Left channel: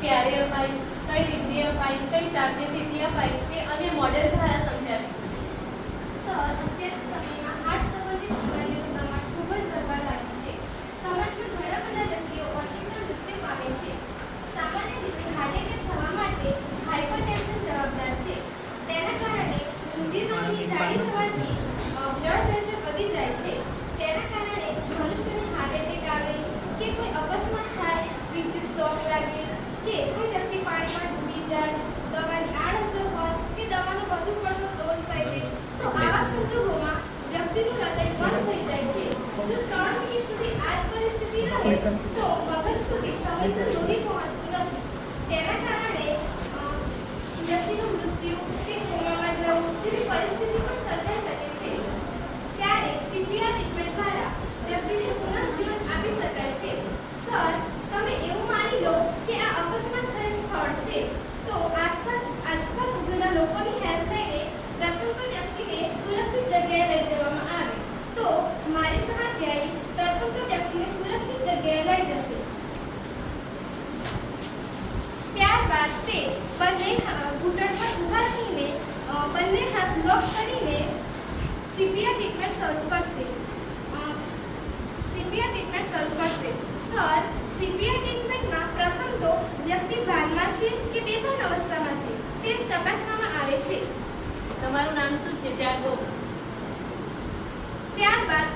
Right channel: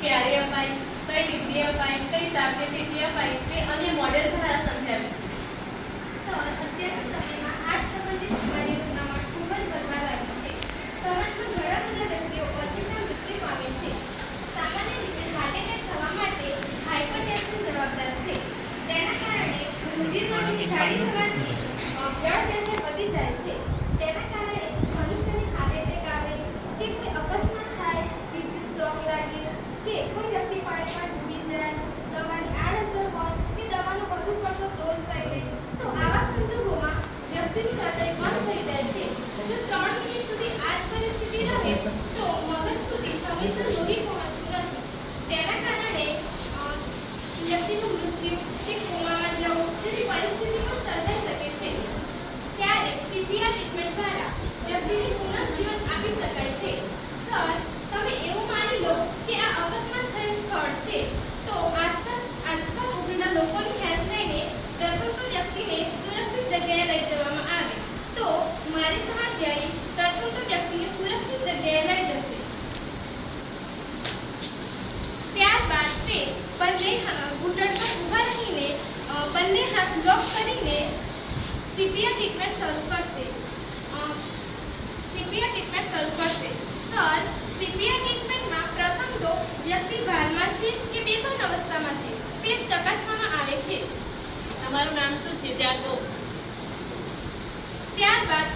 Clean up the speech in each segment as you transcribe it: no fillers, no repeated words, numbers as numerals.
ક્યારે અપાય, કઈ રીતે અપાય, કઈ સાવચેતીથી અપાય તે અન્ય મોડેલ દ્વારા સમજાવીશું. સર, અત્યારના સમયમાં હાર્ટ સંબંધિત બીમારીઓનું પ્રમાણ ખૂબ જ વધવા લાગ્યું છે. સમાજમાં ઘણા બધા વ્યક્તિઓ અચાનક મૃત્યુ પામે છે. સામાન્ય રીતે હાર્ટ એટેક થવા માટે હાઇપરટેન્શન જવાબદાર છે. તેના કારણે રુધિરવાહિની જાડી થવાથી બ્લડ પ્રેશર વધી જાય છે. તેના કારણે મનુષ્યને હાર્ટ એટેક આવે કે કોઈ અકસ્માત થાય, વિદ્યુત શોક લાગે કે કોઈ વ્યક્તિ પાણીમાં ડૂબી જાય, દવાની આડઅસર હોય કે દવાનો વધુ પડતો ડોઝ લઈ લે તો આવા સંજોગોમાં વ્યક્તિનું હૃદય બંધ થઈ જાય છે. જો 3 મિનિટ સુધી આ જ પરિસ્થિતિ રહે તો મગજ સુધી સમયસર લોહી પહોંચતું નથી. તેના કારણે વ્યક્તિનું મૃત્યુ કે કોમામાં જવું જેવી પરિસ્થિતિ પણ સર્જાઈ શકે છે. ત્યારે સીપીઆર ટ્રીટમેન્ટ દ્વારા વ્યક્તિને પુનઃજીવન આપી શકાય છે. સર, તમે એવું માની લો કે આ અકસ્માત થયેલ સ્થળ છે તો આસપાસ ઉભેલા લોકોની હેલ્પ લઈને પ્રથમ તો વ્યક્તિને સુરક્ષિત જગ્યાએ લઈ જવામાં આવે તો મારી સહાધ્યાયી પ્રથમ તો વ્યક્તિને સુરક્ષિત જગ્યાએ લઈ જશે. ત્યારબાદ તે બંને ઘૂંટણ પર ઊભા રહીને બંને હાથ લોક કરીને સીપીઆર ટ્રીટમેન્ટ શરૂ કરશે. સર, સીપીઆર ટ્રીટમેન્ટમાં પ્રથમ તો વ્યક્તિ ભાનમાં છે કે બેભાન અવસ્થામાં છે તે ચકાસવામાં આવે છે. તમારું નામ શું છે? જાગો. ત્યારબાદ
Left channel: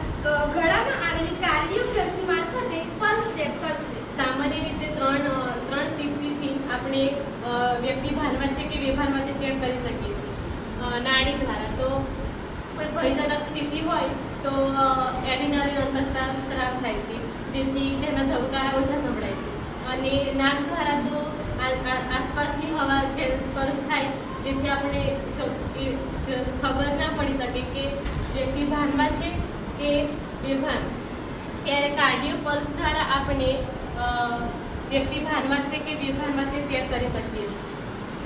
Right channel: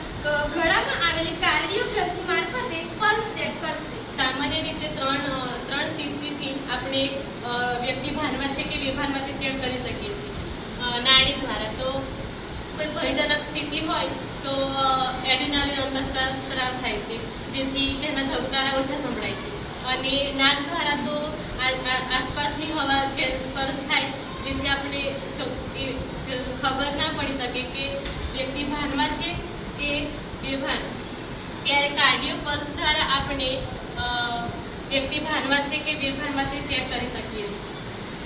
ગળામાં આવેલી કાર્ડિયો ગ્રંથિ મારફતે પલ્સ ચેક કરશે. સામાન્ય રીતે ત્રણ સ્થિતિથી આપણે વ્યક્તિ ભાનમાં છે કે બેભાનમાં તે ચેક કરી શકીએ છીએ. નાડી દ્વારા તો કોઈ ભયજનક સ્થિતિ હોય તો એડિનરી અંતઃસ્રાવ થાય છે, જેથી તેના ધબકારા ઓછા સંભળાય છે. અને નાક દ્વારા તો આસપાસની હવા જે સ્પર્શ થાય જેથી આપણે ખબર ના પડી શકે કે વ્યક્તિ ભાનમાં છે કે બેભાન. ત્યારે કાર્ડિયો પલ્સ દ્વારા આપણે વ્યક્તિ ભાનમાં છે કે બેભાનમાં તે ચેક કરી શકીએ છીએ.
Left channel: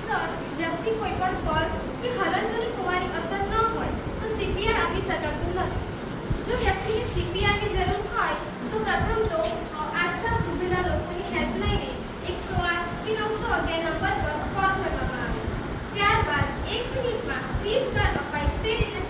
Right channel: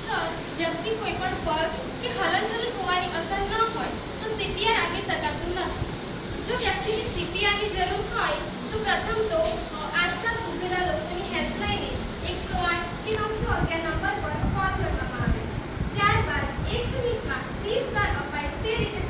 સર, વ્યક્તિ કોઈ પણ પલ્સ કે હલનચલન હોવાની અસર ન હોય તો સીપીઆર આપી શકાતું નથી. જો વ્યક્તિને સીપીઆરની જરૂર હોય તો પ્રથમ તો આસપાસ ઉભેલા લોકોની હેલ્પ લઈને 108 કે 911 નંબર પર કોલ કરવામાં આવે. ત્યારબાદ 1 મિનિટમાં 30 વાર અપાય તે રીતે